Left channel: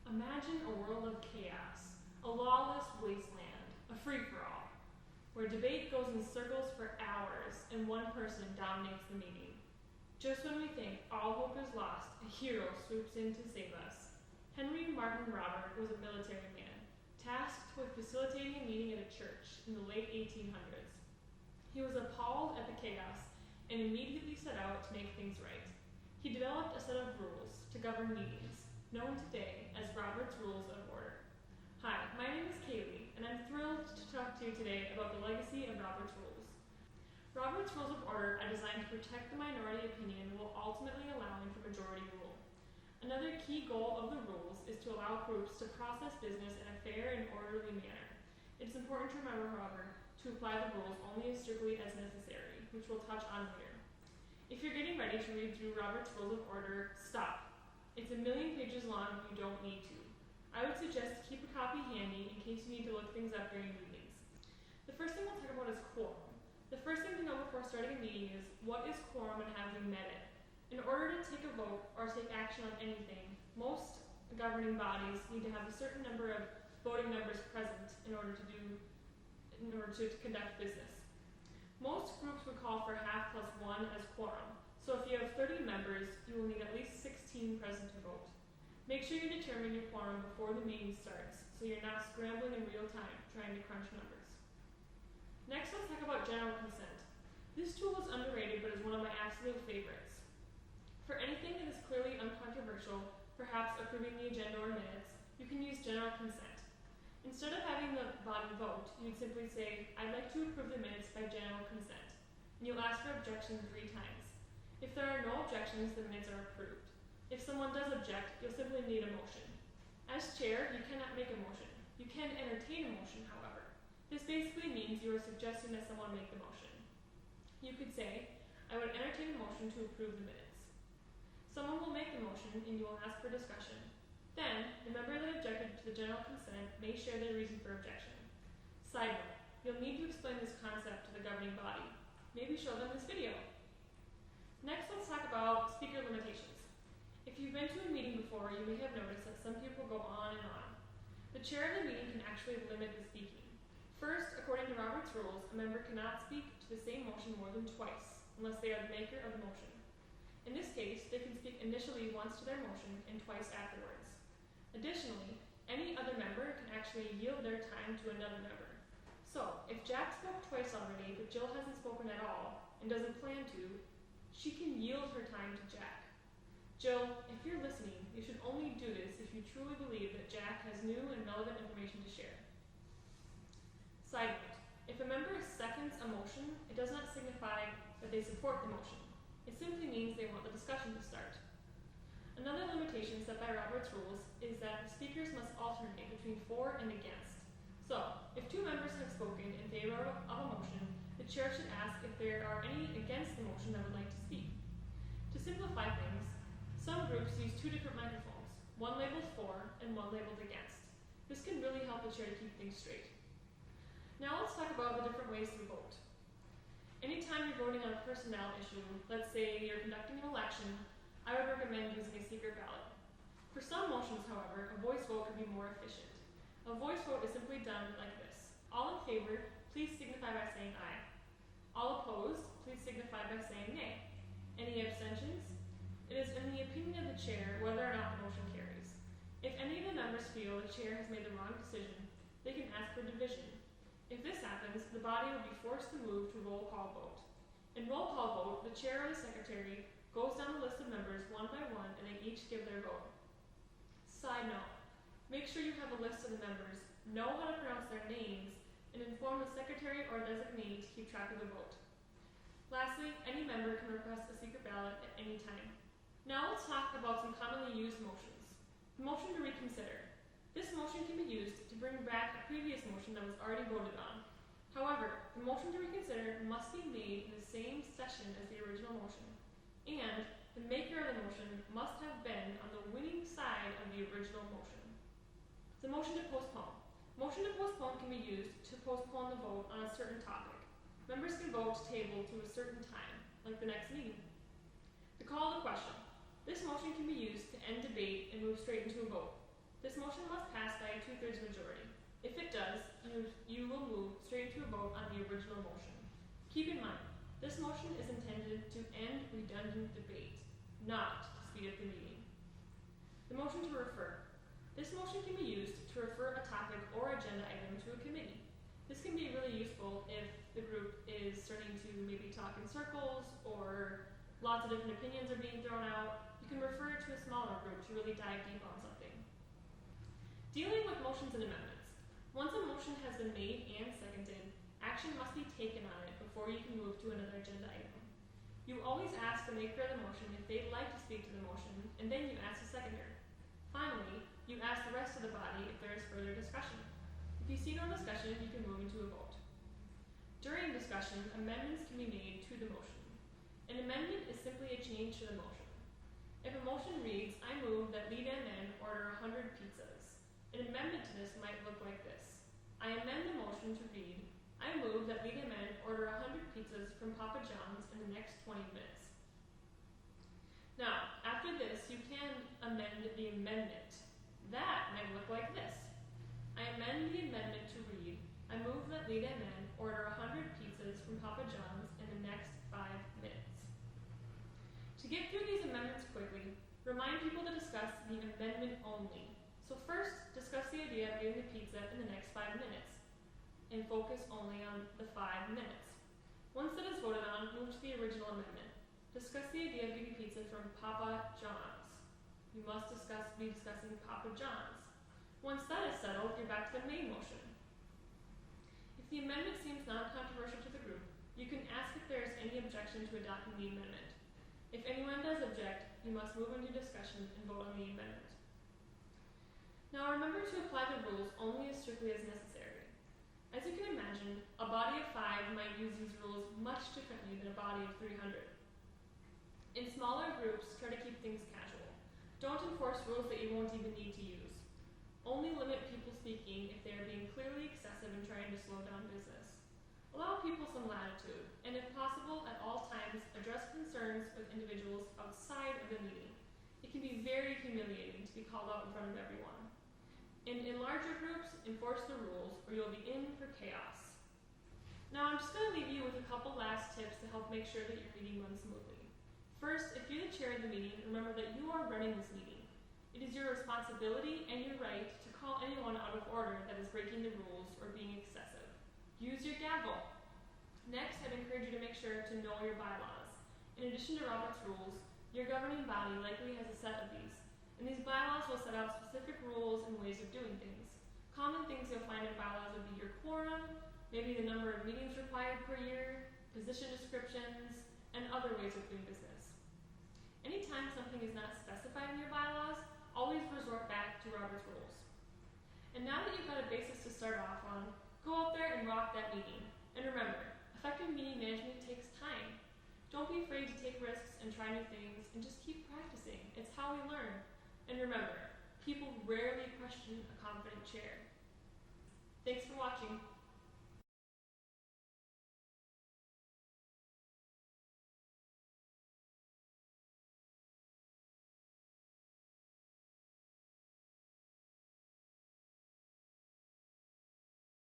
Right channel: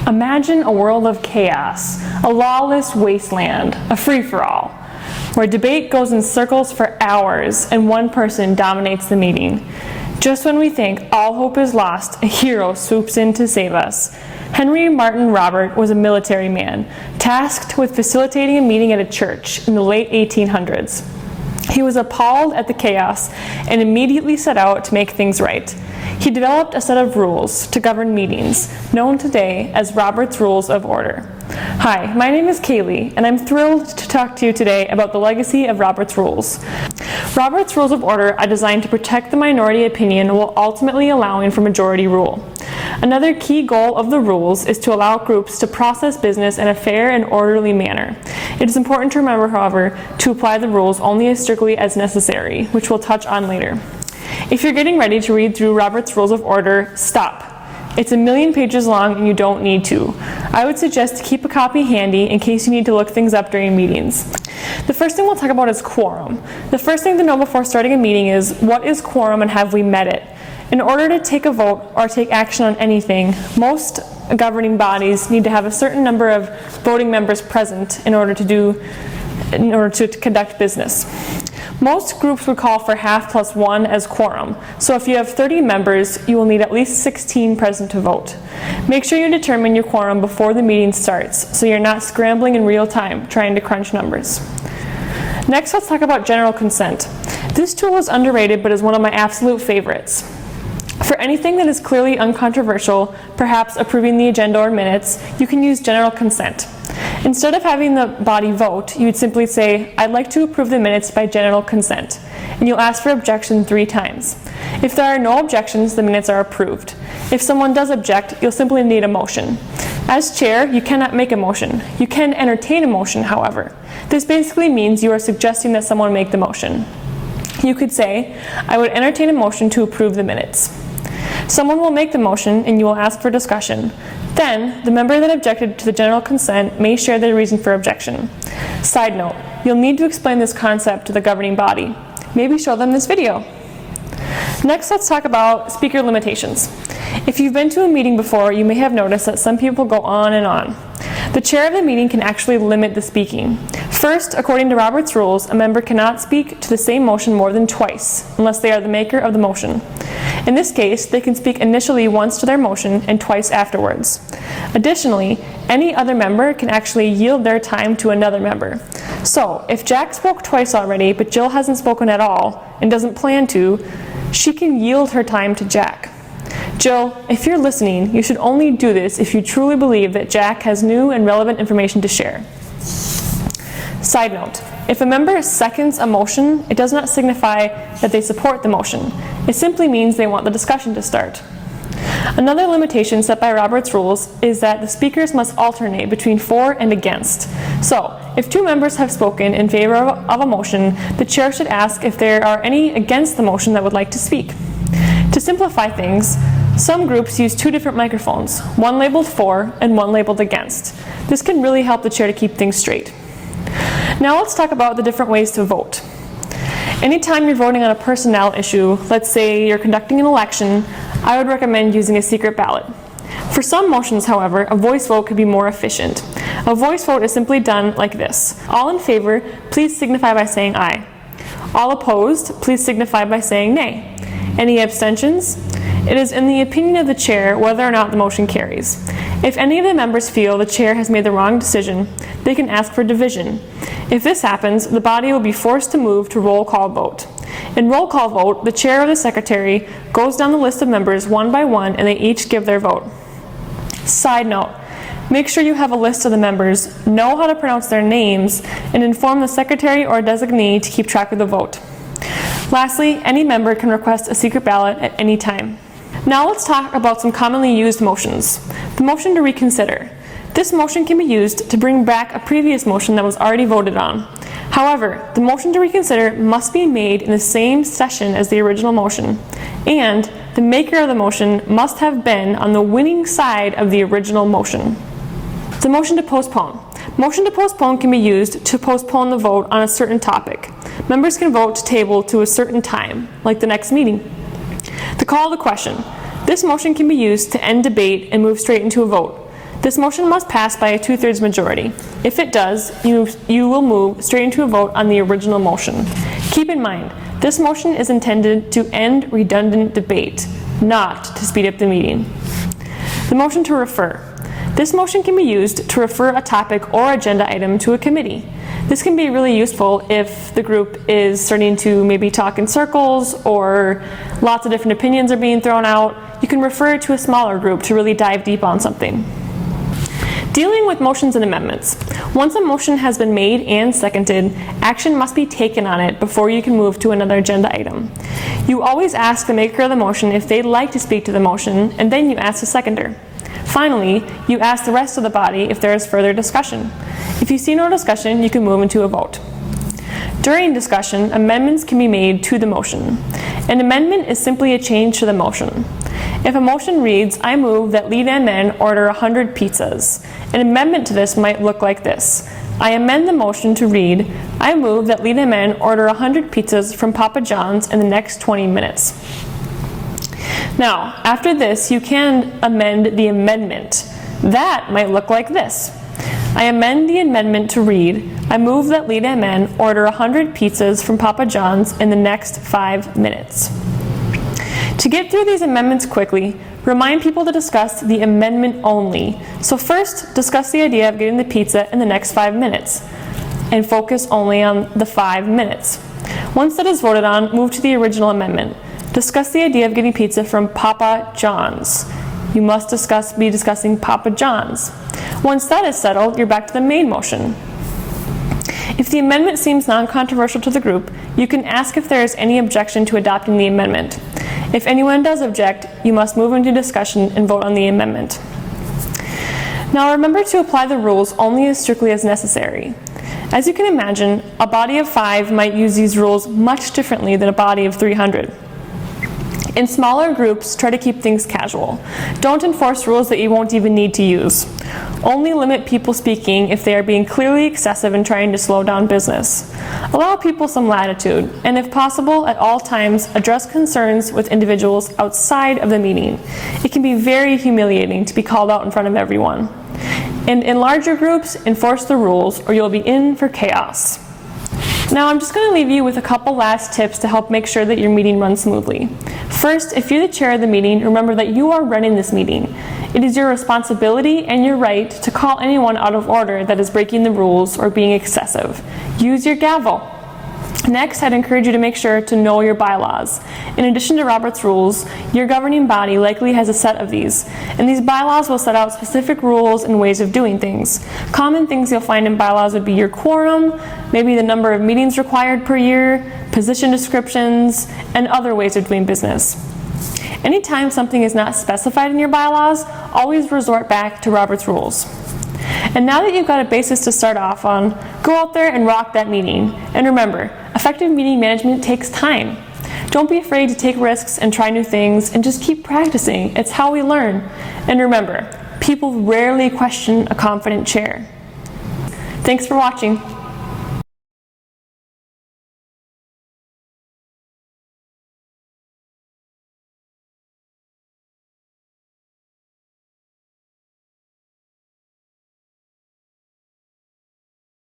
Imagine a world of chaos, a lawless wasteland, a free-for-all, where debate goes in circles for hours and one person dominates the meeting. Just when we think all hope is lost, a hero swoops in to save us. Henry Martin Robert was a military man, tasked with facilitating a meeting at a church in the late 1800s. He was appalled at the chaos and immediately set out to make things right. He developed a set of rules to govern meetings, known today as Robert's Rules of Order. Hi, my name is Kaylee, and I'm thrilled to talk to you today about the legacy of Robert's Rules. Robert's Rules of Order are designed to protect the minority opinion while ultimately allowing for majority rule. Another key goal of the rules is to allow groups to process business in a fair and orderly manner. It is important to remember, however, to apply the rules only as strictly as necessary, which we'll touch on later. If you're getting ready to read through Robert's Rules of Order, stop. It's 1,000,000 pages long and you don't need to. I would suggest to keep a copy handy in case you need to look things up during meetings. The first thing we'll talk about is quorum. The first thing to know before starting a meeting is, what is quorum and have we met it? In order to take a vote or take action on anything, most governing bodies need to have a certain number of voting members present in order to conduct business. Most groups would call for half plus one as quorum. So if you have 30 members, you will need at least 16 present to vote. Make sure you determine your quorum before the meeting starts, so you're not scrambling in real time trying to crunch numbers. Next, let's talk about general consent. This tool is underrated, but is one of my absolute favorites. For anything that is clearly uncontroversial, perhaps approving the agenda or minutes, you can use general consent. Instead of having the body vote, you would simply say, "I'd like to approve the minutes by general consent," and you'll ask for objection 3 times. If there are no objections, the minutes are approved. If someone does object, you'll simply need a motion. As chair, you cannot make a motion. You can entertain a motion, however. This basically means you are suggesting that someone make the motion. You could say, "I would entertain a motion to approve the minutes." Someone will make the motion and you will ask for discussion. Then, the member that objected to the general consent may share their reason for objection. Side note, you'll need to explain this concept to the governing body. Maybe show them this video. Next, let's talk about speaker limitations. If you've been to a meeting before, you may have noticed that some people go on and on. The chair of the meeting can actually limit the speaking. First, according to Robert's Rules, a member cannot speak to the same motion more than twice, unless they are the maker of the motion. In this case, they can speak initially once to their motion and twice afterwards. Additionally, any other member can actually yield their time to another member. So, if Jack spoke twice already, but Jill hasn't spoken at all and doesn't plan to, she can yield her time to Jack. Jill, if you're listening, you should only do this if you truly believe that Jack has new and relevant information to share. Side note, if a member seconds a motion, it does not signify that they support the motion. It simply means they want the discussion to start. Another limitation set by Robert's Rules is that the speakers must alternate between for and against. So, if 2 members have spoken in favor of a motion, the chair should ask if there are any against the motion that would like to speak. To simplify things, some groups use 2 different microphones, one labeled for and one labeled against. This can really help the chair to keep things straight. Now let's talk about the different ways to vote. Anytime you're voting on a personnel issue, let's say you're conducting an election, I would recommend using a secret ballot. For some motions, however, a voice vote could be more efficient. A voice vote is simply done like this. All in favor, please signify by saying aye. All opposed, please signify by saying nay. Any abstentions? It is in the opinion of the chair whether or not the motion carries. If any of the members feel the chair has made the wrong decision, they can ask for division. If this happens, the body will be forced to move to roll call vote. In roll call vote, the chair or the secretary goes down the list of members one by one and they each give their vote. Side note, make sure you have a list of the members, know how to pronounce their names, and inform the secretary or designee to keep track of the vote. Lastly, any member can request a secret ballot at any time. Now let's talk about some commonly used motions. The motion to reconsider. This motion can be used to bring back a previous motion that was already voted on. However, the motion to reconsider must be made in the same session as the original motion, and the maker of the motion must have been on the winning side of the original motion. The motion to postpone. Motion to postpone can be used to postpone the vote on a certain topic. Members can vote to table to a certain time, like the next meeting. The call to question. This motion can be used to end debate and move straight into a vote. This motion must pass by a 2/3 majority. If it does, you will move straight into a vote on the original motion. Keep in mind, this motion is intended to end redundant debate, not to speed up the meeting. The motion to refer. This motion can be used to refer a topic or agenda item to a committee. This can be really useful if the group is starting to maybe talk in circles or lots of different opinions are being thrown out. You can refer it to a smaller group to really dive deep on something. Dealing with motions and amendments. Once a motion has been made and seconded, action must be taken on it before you can move to another agenda item. You always ask the maker of the motion if they'd like to speak to the motion, and then you ask the seconder. Finally, you ask the rest of the body if there is further discussion. If you see no discussion, you can move into a vote. During discussion, amendments can be made to the motion. An amendment is simply a change to the motion. If a motion reads, "I move that Lead and Men order 100 pizzas," an amendment to this might look like this. I amend the motion to read, "I move that Lead and Men order 100 pizzas from Papa John's in the next 20 minutes." Now, after this, you can amend the amendment. That might look like this. I amend the amendment to read, "I move that Lead and Men order 100 pizzas from Papa John's in the next 5 minutes." To get through these amendments quickly, remind people to discuss the amendment only. So first, discuss the idea of getting the pizza in the next 5 minutes, and focus only on the 5 minutes. Once that is voted on, move to the original amendment. Discuss the idea of getting pizza from Papa John's. You must be discussing Papa John's. Once that is settled, you're back to the main motion. If the amendment seems non-controversial to the group, you can ask if there is any objection to adopting the amendment. If anyone does object, you must move into discussion and vote on the amendment. Now remember to apply the rules only as strictly as necessary. As you can imagine, a body of 5 might use these rules much differently than a body of 300. In smaller groups, try to keep things casual. Don't enforce rules that you won't even need to use. Only limit people speaking if they are being clearly excessive and trying to slow down business. Allow people some latitude, and if possible, at all times, address concerns with individuals outside of the meeting. It can be very humiliating to be called out in front of everyone. And in larger groups, enforce the rules or you'll be in for chaos. Now I'm just going to leave you with a couple last tips to help make sure that your meeting runs smoothly. First, if you're the chair of the meeting, remember that you are running this meeting. It is your responsibility and your right to call anyone out of order that is breaking the rules or being excessive. Use your gavel. Next, I'd encourage you to make sure to know your bylaws. In addition to Robert's rules, your governing body likely has a set of these, and these bylaws will set out specific rules and ways of doing things. Common things you'll find in bylaws would be your quorum, maybe the number of meetings required per year, position descriptions, and other ways of doing business. Anytime something is not specified in your bylaws, always resort back to Robert's rules. And now that you've got a basis to start off on, go out there and rock that meeting. And remember, effective meeting management takes time. Don't be afraid to take risks and try new things, and just keep practicing. It's how we learn. And remember, people rarely question a confident chair. Thanks for watching.